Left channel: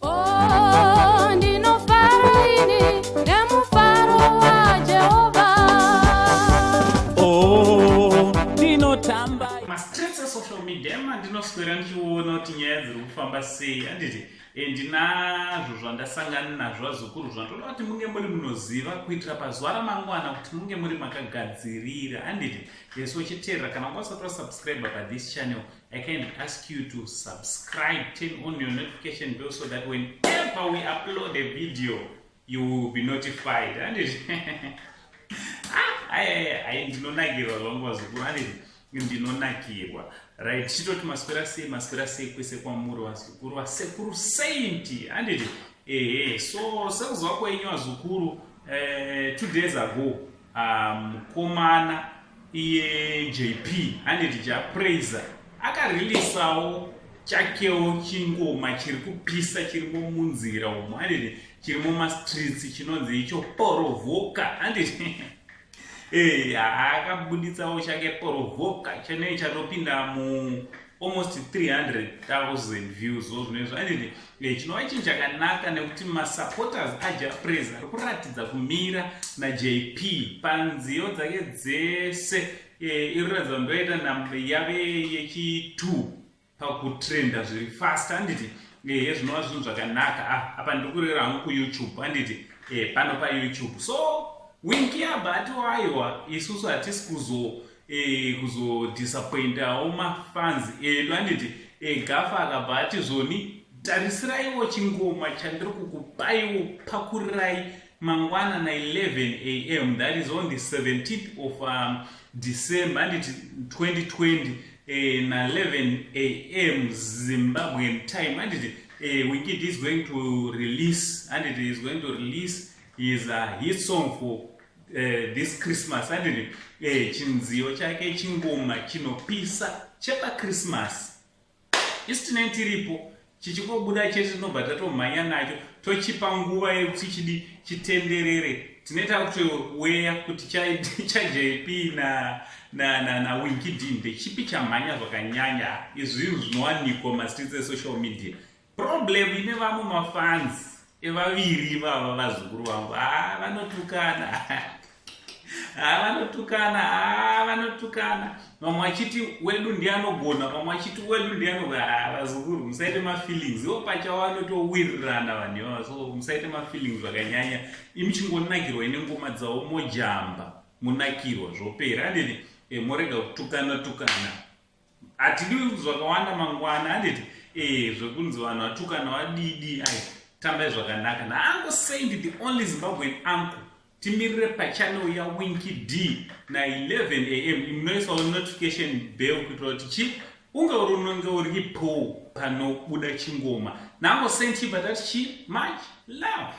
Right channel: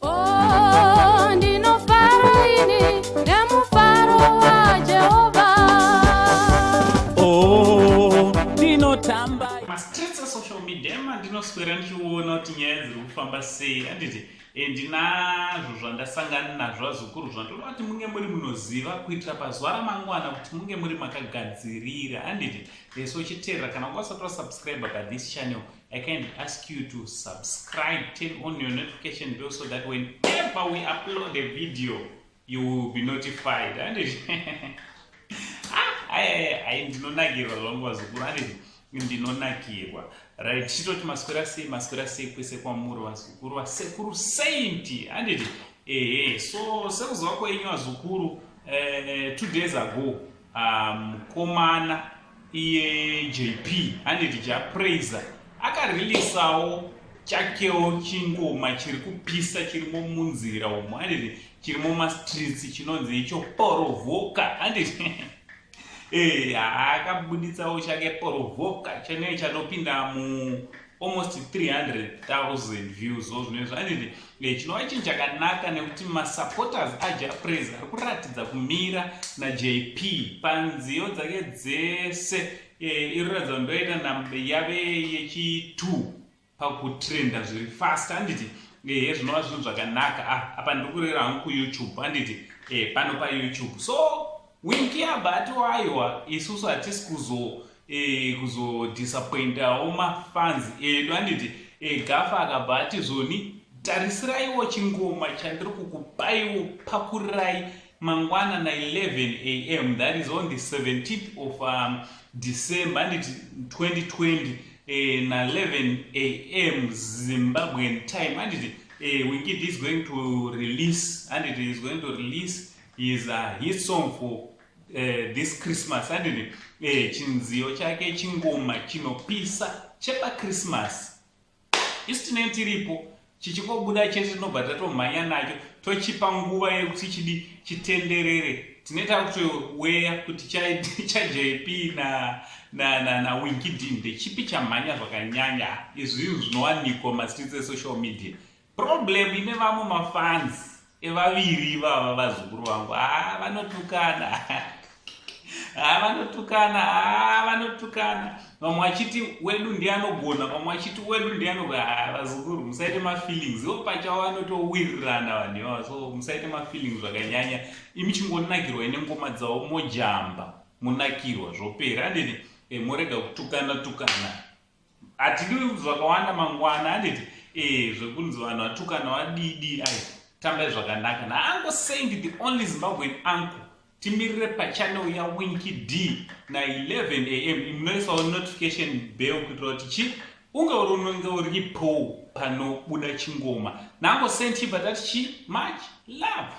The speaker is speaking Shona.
Oh, ndinofara ini nemufaro waJehovha. Oh, ndinotamba mastreets esocial media mandinoswera ndichiona kuti nyaya dziri kufamba sei. Handiti ndinazvo zvandasangana nazvo azukuru zvandoda kuti munge muri munoziva kuitira pazuva ramangwana kuti munge muri makagadzirira. Handiti so chiteerera kana usati wasubscribe pathis channel, I can ask you to subscribe, turn on your notification bell so that whenever we upload a video you will be notified. Handiti ndinonakirwa zvangu vazukuru. Handiti ndinonakirwa, right? Chitoti maswera sei kwese kwamuri vazukuru, vasekuru sainti. Handiti so sekuziva kwenyu vazukuru, 2 days ago mukomana iye JP, handiti japraiser, akarilisawo chakewo chingoma chiri kupisa chirimo munzira umo. Handiti chirimo mastreets chinonzi icho Porovoka. Handiti akabuditsawo chake Porovoka chenei chanopinda mu almost 300,000 views zvinezvo. Handiti chinova chinhu chakanaka nekuti masupporters ajapraiser ari kuratidza kumira naJP panziyo dzake dzese. Iriratidza ndoita nhamba yave yechi2 pakutrenda zviri fast. Handiti zvinova zvinhu zvakanaka. Apa ndikurera hangu kuYouTube. Handiti pano paYouTube. So wingi yabati waiwa isusu hatisi kuzodisappointawo mafans edu. Handiti gafa akabhati zvoni tarisiraiwo chingoma chandiri kukupaiwo pakurirai mangwana na 11 AM, that is on the 17th of December. Handiti 2020 na 11 AM Zimbabwean time. Handiti Wingid is going to release, and it is going to release his hit song for this Christmas. Handiti chinziyo chake chingoma chinopisa chepa Christmas. Isu tinenge tiripo chichikobuda chete tinobva tatomhanya nacho tochipa nguva yekuti chidi chitenderere. Tinoita kutoweya kuti chaJP na Wingid ndechipi chamhanya zvakanyanya. Izvi zvinowanikwa mastreets esocial media. Problem ine vamwe mafans evaviri vava vazukuru vangu vanotukana. Vamwe vachiti wedu ndianogona, vamwe vachiti wedu ndianogona. Vazukuru musaite mafeelings, ivo pachawo vanotowirirana vanhu ivavo. So musaite mafeelings zvakanyanya. Imi chingonakirwa ine ngoma dzavo mojamba, munakirwa zvopera. Handiti morega kutukana. Hatidi zvakawanda mangwana. Handiti zvekunzi vanhu vatukana vadidi, tambai zvakanaka. Naango Saint, the only Zimbabwean uncle, timirire pachannel ya Wingid na 11 AM. Munoisawo notification bell kuitira kuti unge uripo panobuda chingoma. Naango Saint batati much love.